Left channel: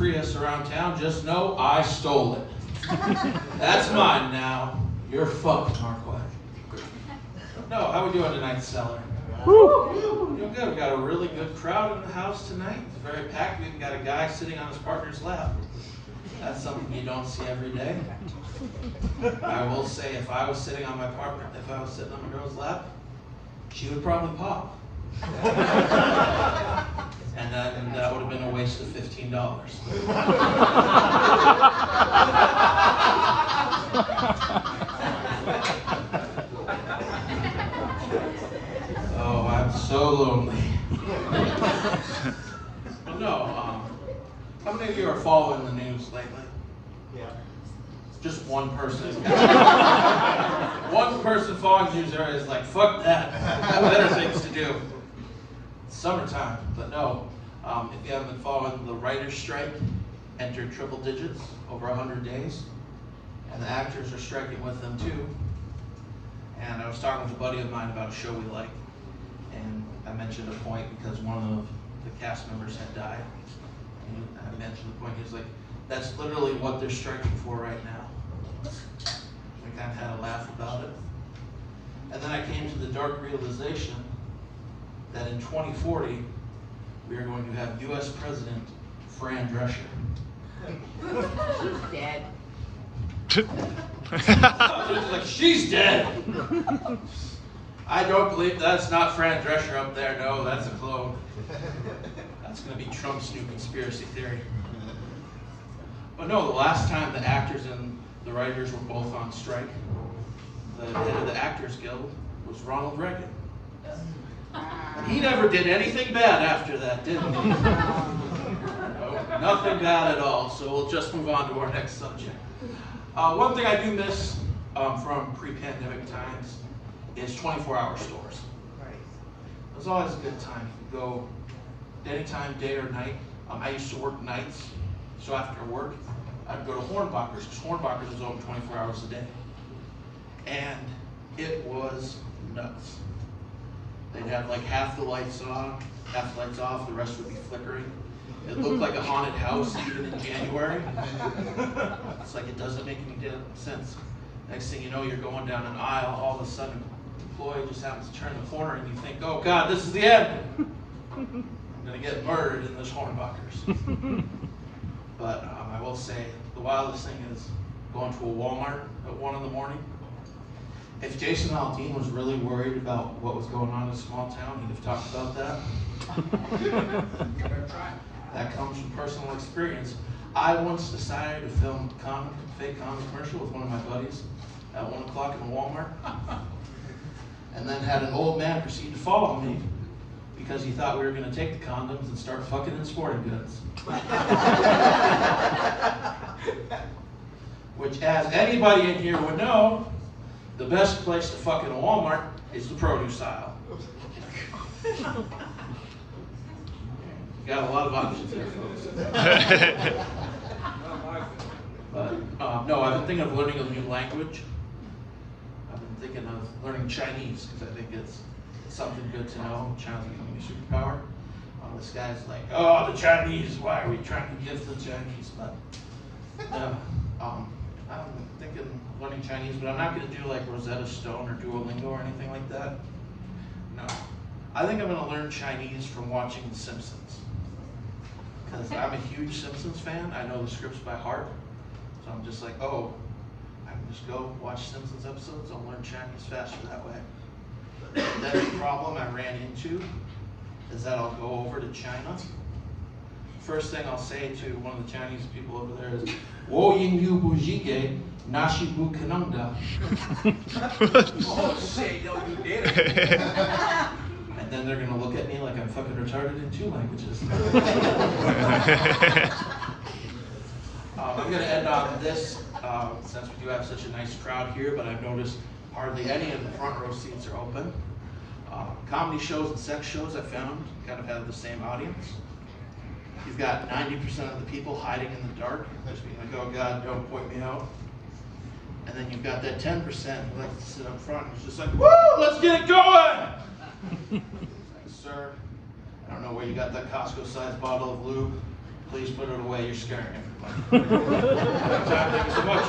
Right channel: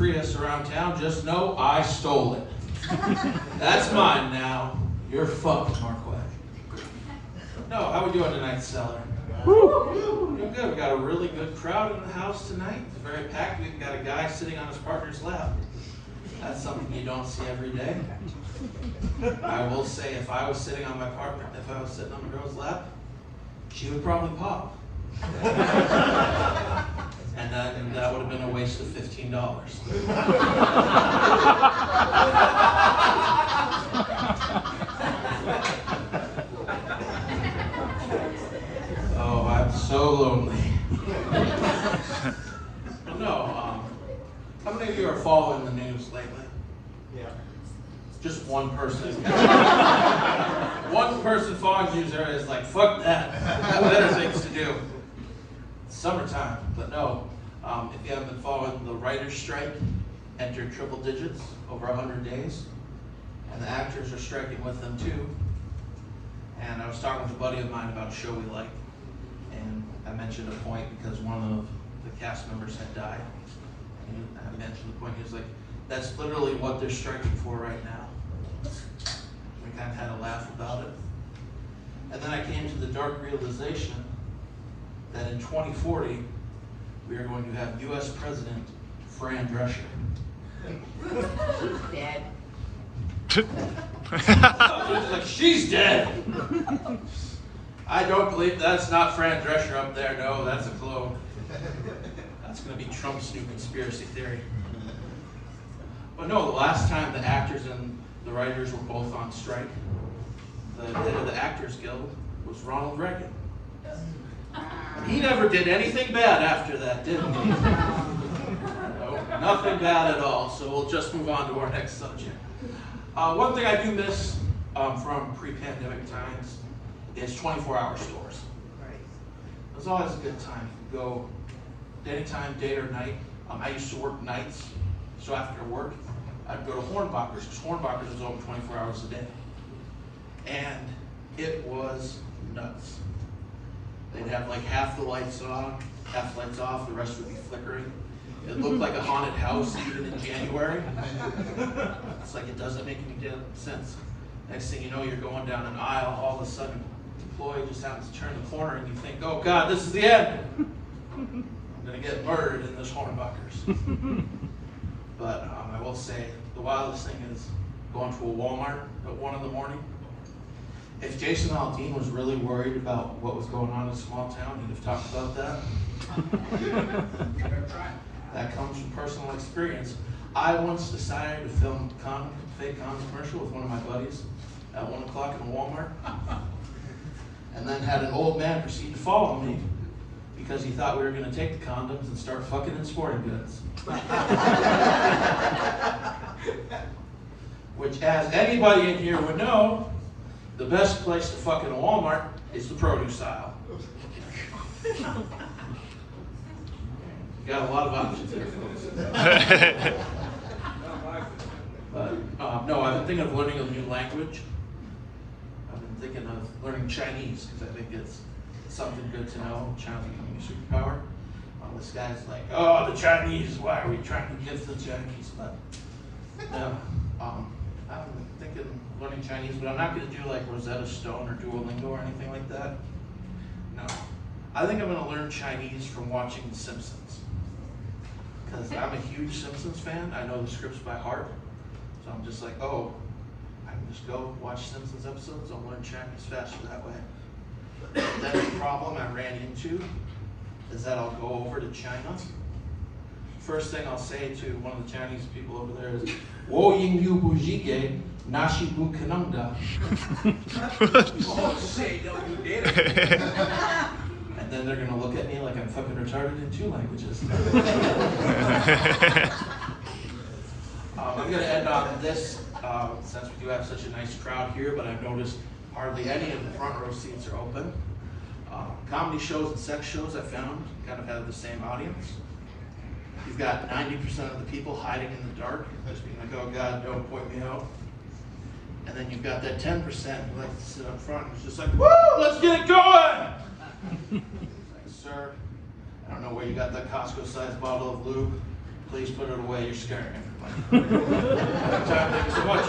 Prius around town, just know I stole it. That's mine now. You're fucked, Markway. No, how we doing tonight, Cellar? Doing good. We've got a really good crowd in the house tonight. It's very packed. We've got a guy sitting on his partner's lap. That's something you don't see every day. I will say, if I was sitting on my partner, if I was sitting on a girl's lap, she would probably pop. And then that would have been a waste of $15. Oh, I'm so lonely. No, how many of you are following the news lately? Yeah. Just one person. One person following the news area is like, fuck that. I have better things to do. It's summertime, but no. If you haven't been following, the writer's strike entered triple digits, over 100 days. And the actors are striking with them too. And I was talking with a buddy of mine about a show we like. And I mentioned a point because one of the cast members had died. And I mentioned the point, he was like, that's literally what they're striking for right now. We kind of had a laugh about it. And then I came to the dark realization that in 2040, we are going to have U.S. President Fran Drescher. She's dead. Like, she's dead! I don't believe that's not Fran Drescher up there. No, that's a clone. That's going to be Trump's new conspiracy theory. But no, the last time the actors and the writers were both on strike, the head of the Actors Guild was Ronald Reagan. And he never did anything bad after that, did he? No, nothing bad at all. So we'll just move on to our next subject. One thing I do miss from pre-pandemic times is 24-hour stores. It was always a good time. You could go anytime, day or night. I used to work nights, so after work, I'd go to Hornbachers, because Hornbachers is open 24 hours a day. And it was nuts. They'd have like half the lights on, half the lights off, the rest would be flickering. It looked like a haunted house even in January. It's like it doesn't make any sense. Next thing you know, you're going down an aisle, all of a sudden, the employee just happens to turn the corner and you think, oh God, this is the end. I'm gonna get murdered in this Hornbachers. But I will say, the wildest thing is going to a Walmart at 1 in the morning. If Jason Aldean was really worried about what was going on in a small town, he'd have talked about that. That comes from personal experience. I once decided to film a fake condom commercial with one of my buddies at 1 o'clock in a Walmart. And then had an old man proceed to follow me because he thought we were going to take the condoms and start fucking in sporting goods. Which, as anybody in here would know, the best place to fuck in a Walmart is the produce aisle. You got a lot of options there, folks. But no, I've been thinking of learning a new language. I've been thinking of learning Chinese because I think it's something good to know. China's becoming a superpower. This guy's like, oh, the Chinese, why are we trying to give the Chinese? But I'm thinking of learning Chinese, but I'm not going to do like Rosetta Stone or Duolingo or anything like that. No. I think I'm going to learn Chinese from watching The Simpsons. Because I'm a huge Simpsons fan. I know the scripts by heart. So I'm just like, oh, I can just go watch Simpsons episodes. I'll learn Chinese faster that way. Then the problem I ran into is that I'll go over to China. First thing I'll say to one of the Chinese people over there is, Wo yin yu bu jige, nashi bu kanungda. And then they're gonna look at me like I'm fucking retarded in 2 languages. I'm gonna end on this, since we do have such a nice crowd here, but I've noticed hardly any of the front row seats are open. Comedy shows and sex shows, I found, kind of have the same audience. You've got 90% of the people hiding in the dark, just being like, oh God, don't point me out. And then you've got that 10% who likes to sit up front and is just like, woo, let's get it going! Sir, I don't know where you got that Costco-sized bottle of lube. Please put it away. You're scaring everybody. Thank you so much.